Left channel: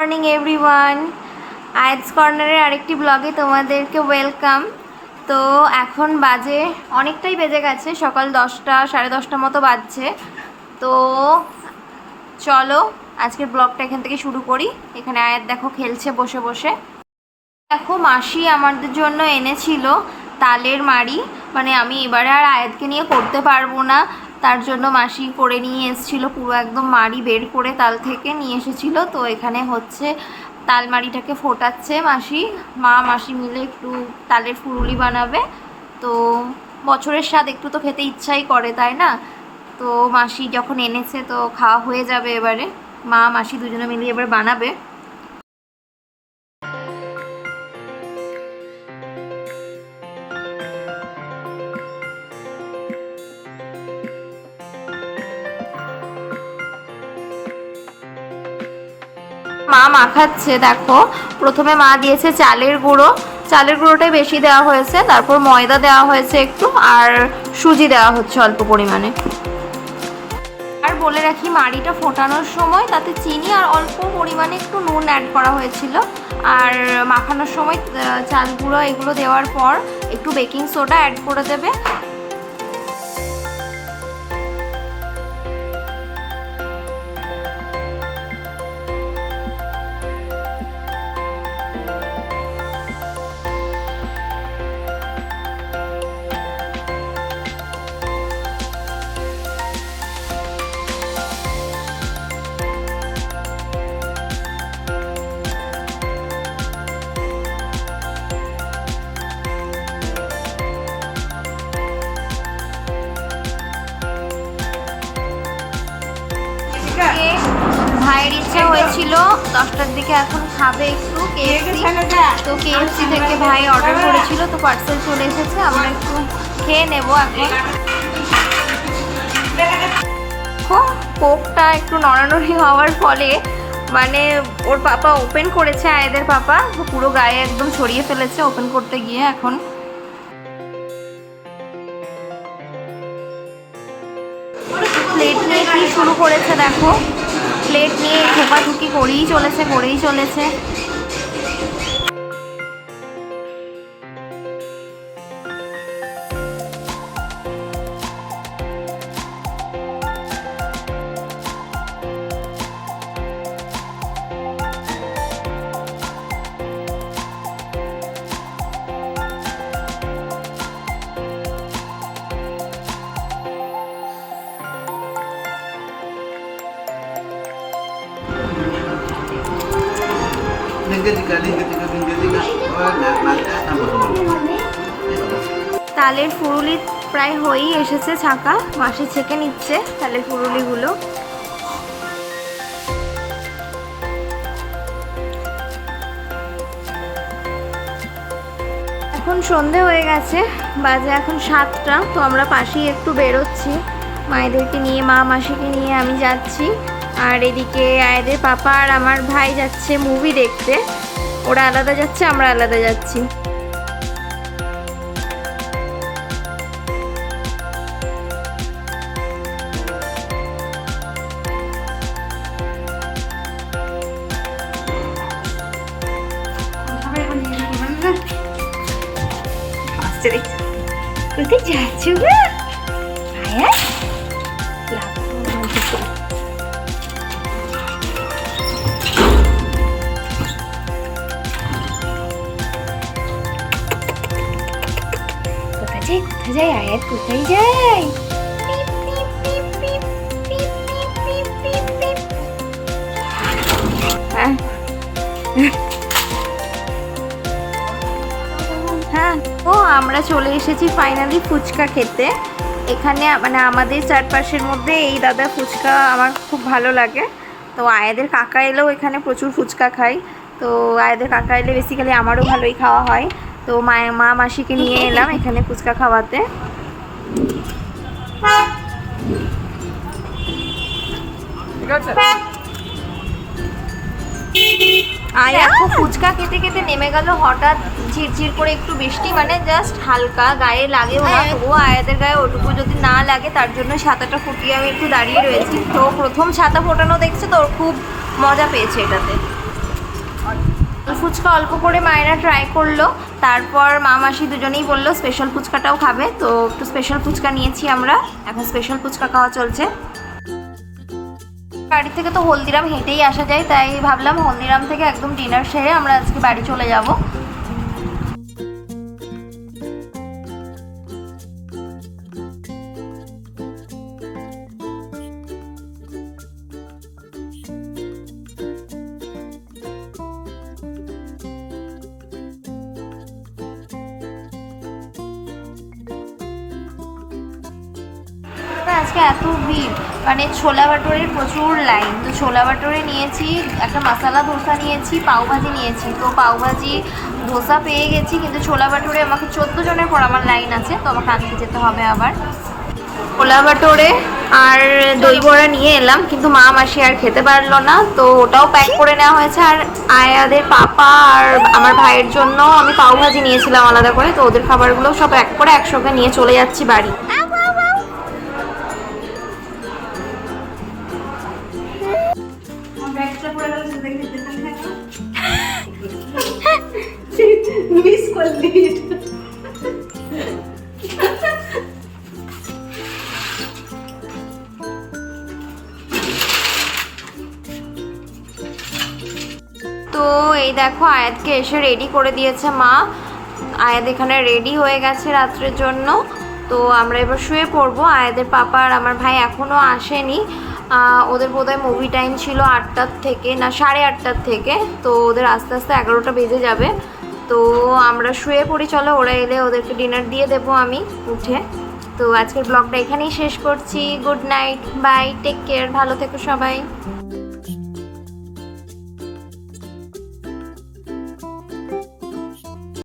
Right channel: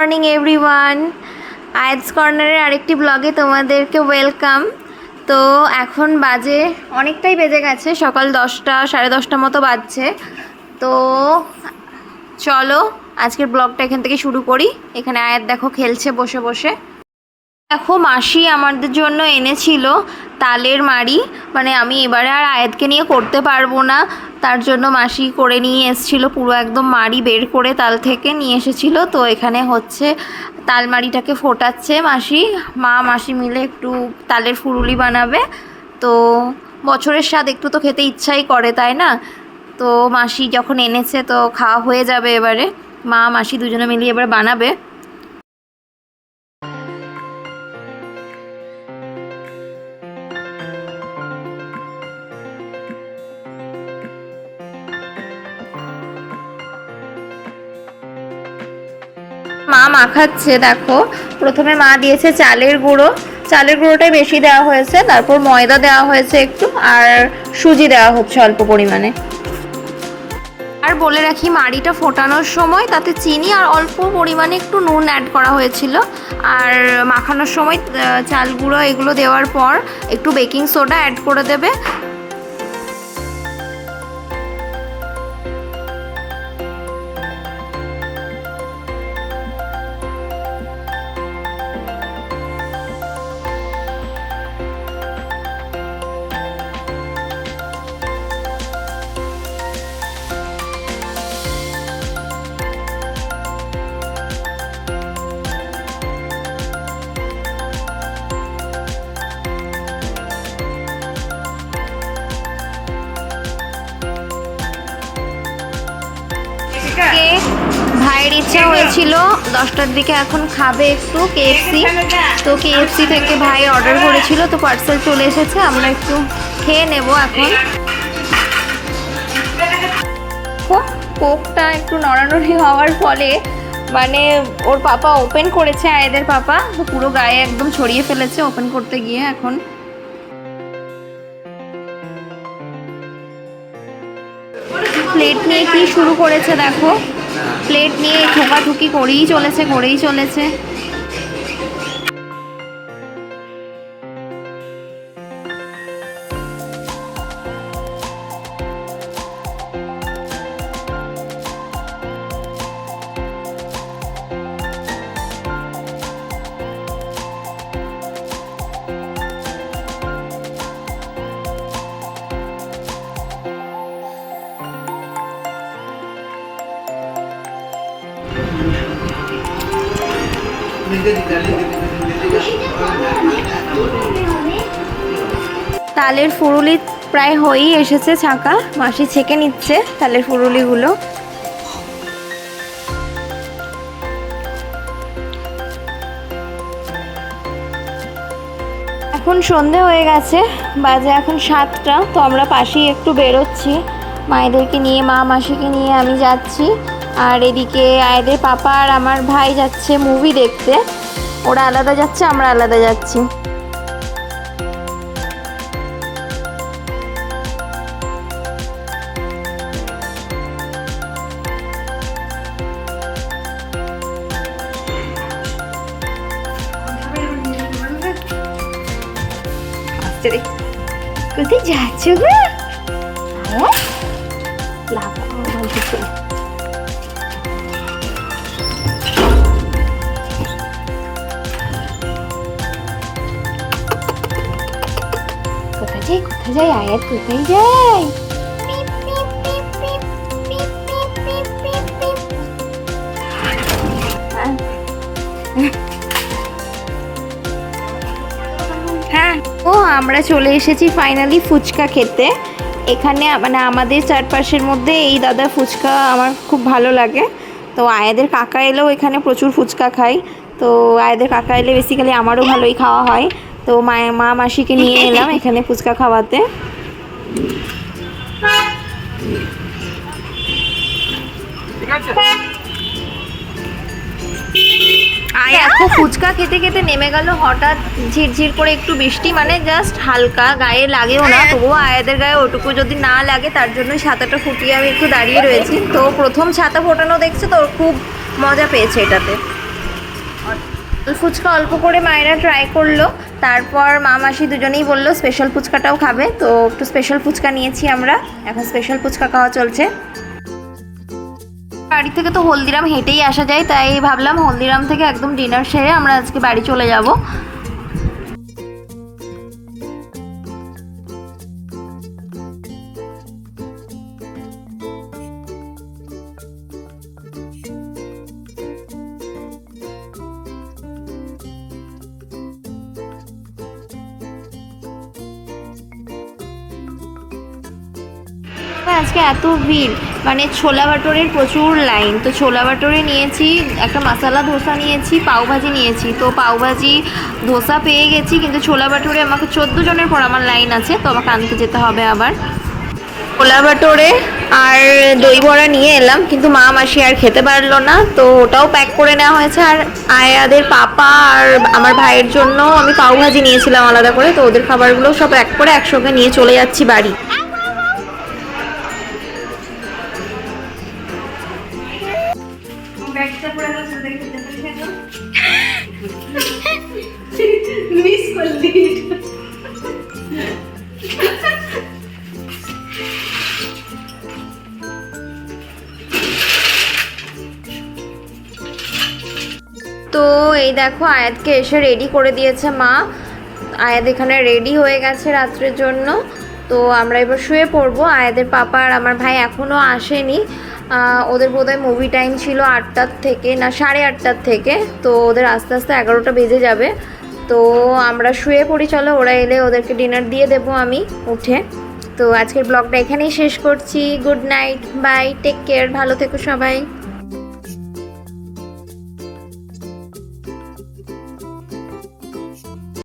Morning everyone, আয়াতস কর্নারের আরেকটি ব্লগে তোমাদেরকে ওয়েলকাম। তো এখন বাজে অনেকটাই বেজে গেছে, সকাল 10টা 10:30 মতো বাজছে। তো চলো আজকের ব্লগটা এখান থেকে শুরু করি। এখানে আয়াত দেখো খেলছে বসে বসে। দেখো মাসি আমাদের জন্য এনেছিল তালের মাড়ি, মানে আমি এবারে আর আয়াতকে নিয়ে করতে পারবো না, তার জন্য মাসি করে নিয়ে এসেছিল, পুরো একদম মাড়ি বের করে তাল থেকে নিয়ে এসেছিল। তো এখানে হচ্ছে তালমাড়িটাকে ফোটাচ্ছে মাসি, মাসি মিলে একটু তালের ফুরুলি বানাবে। তো বছরের স্বাদ একটু তো খেতে ইচ্ছাই করে, তাই না? তো মাসি যখন এনেছে তো খাওয়া হয়ে যাবে এবারে। মাসি দুজনে মিলিয়ে এবার বানাবে। মাখাচ্ছে দেখো, প্রথমে মা দিয়েছে চালের গুঁড়ো, চালের গুঁড়োটাই বেশি দেওয়া হয়েছে, তারপর ময়দা দেওয়া হয়েছে একটু, আর সুজি দেওয়া হচ্ছে অল্প পরিমাণে। আর বলে রাখি, মাড়িটা ফোটানোর সময় তাতে চিনি আর অল্প পরিমাণে একটু নুন অ্যাড করা হয়েছিল। আর মাখানোর সময় চাল গুঁড়ো এগুলো দেওয়ার পর একটু বেকিং সোডা অ্যাড করে দেবে। ভাইয়ের ইচ্ছে হয়েছিল 10টার দিকে এখন খাবে একটু কেএফসি, তো কেএফসি থেকে ভাই অর্ডার করেছিল, তো পার্সেল চলে এসেছে, আমরা একটু খেয়ে নেব এখন। কোকটা একটু নড়ানড়ি হওয়ার ফলে মানে ওর পাপা ওপেন করেছে, আয়েদের পাপা, তো পুরো গায়ে একদম ছড়িয়ে ফেলেছে ওপেন করতে গিয়ে। এখন প্লেট নিয়ে কি শুরু করেছে দেখো, প্লেট নিয়ে ঠোকাঠুকি করেই চলেছে। তালের ফুরুলি প্রায় হয়েই এসেছে ছাকা, মাসি ছেঁকে নিচ্ছে তালের ফুরুলিগুলো। এখন সন্ধে হয়ে গেছে, বাজে এখন 7টা। তো আমরা পাশেই একটু বেরোচ্ছি মায়েদেরকে নিয়ে, মাসিকে নিয়ে আমি যাচ্ছি। আর এদিকে আয়েদের পাপা আর আমার ভাই যাচ্ছে মুভি দেখতে, ওরা আলাদা যাচ্ছে, আমরা আলাদা যাচ্ছি। কোথায় যাচ্ছ গো আয়াত? কোথায় যাই আয়াত, কোথায় যাই? হ্যাঁ, ও আমরা চলে এসেছি ফাইনালি ফুচকা খেতে। এখানে মানে আমাদের চারপাশের মধ্যে এই দাদা ফুচকা আমার খুব ভালো লাগে। তো আয়াদের কাকা এলেও এখানে প্রচুর ফুচকা খাই, তো আয়াদের কাকা এলে বেসিক্যালি আমারও ভালোই খাওয়া হয়। তো মাসিকে নিয়ে এলাম এখানে ফুচকা খাওয়াতে। ঠিক আছে, দেখো ফুচকা খেতে খেতে নেমে গেল হঠাৎ ঝিরঝির করে একটু বৃষ্টি, মানে জাস্ট হালকা, গায়ে লাগেও না, তবুও আয়াদের গায়ে ওটুকু যদি না লাগে তার জন্য ছাতাটা ফুটিয়ে আমি একটু দাঁড়িয়ে রয়েছি। তো প্রথম ছাতা ফোটানো দেখছে, তো খুব মজা পেয়েছে এটাতে। ফুচকা অল্প করে মায়েরা ট্রাই করলো, তারপর মা মাসি দুজনেই বললো স্পেশাল ফুচকাটাও খাবে, তো একটু স্পেশাল ফুচকা নিয়েছি আমরা, এখন স্পেশাল ফুচকা খাওয়া চলছে। বাড়ি থেকে তো হলদিরাম হেঁটেই আসা যায়, তাই ভাবলাম হলদিরাম থেকে একদম ডিনার সেরে আমরা আজকে বাড়ি চলে যাব। আজকে এত ভিড়, মানে ছোলা ভাটোরের প্রচুর লাইন। তো ছোলা ভাটোরে নিয়েছি, একটা মশলা ধোসা নিয়েছি, পাওভাজি নিয়েছি। তো পাওভাজি ধোসা পেয়ে গেছি, কিন্তু ছোলা ভাটোরে আমাকে 14 জনের পর আমার লাইন আছে, তো আমাকে আনতে যেতে হবে আবার। ছোলা ভাটোরে আর দই বড়া নিয়ে এলাম, কিন্তু মা মাসি আর খেতে পারলো না, তো ওটাও প্যাক করে নেওয়া হয়েছে। আর আয়াদের পাপা আর আমার ভাইয়ের জন্য আমি পাওভাজি নিয়েছিলাম আলাদা করে, তো ওদের খাবারগুলো সব এক করে একসঙ্গে নিয়ে চলে যাচ্ছি বাড়ি। ব্যাগটা পড়ে গেল, সেটা দেখে যেতে পারি না মিস করলি। তো এই দেখো আয়াতকে এসে রেডি করে দিয়েছে মা। আয়াত এখানে রেডি হয়ে গেছে রাত্রের জন্য। তো আমরা এবার শুয়ে পড়বো। আয়াদের পাপা আর আমার ভাই এখনও আসেনি, ওদের বোধহয় মুভি টাইম ছিল 8টার থেকে, না 8:30টার থেকে, তো ওদের আস্তে আস্তে 11টা বেজে যাবে। তো আমরা শুয়ে পড়ি, চলো, ওরা এলে ওদেরকে ডিনার দিয়ে দেবো আমি উঠে। তো আজকের ব্লগটা এখানেই শেষ করছি। Good night, bye, take care, ভালো থেকো সবাই।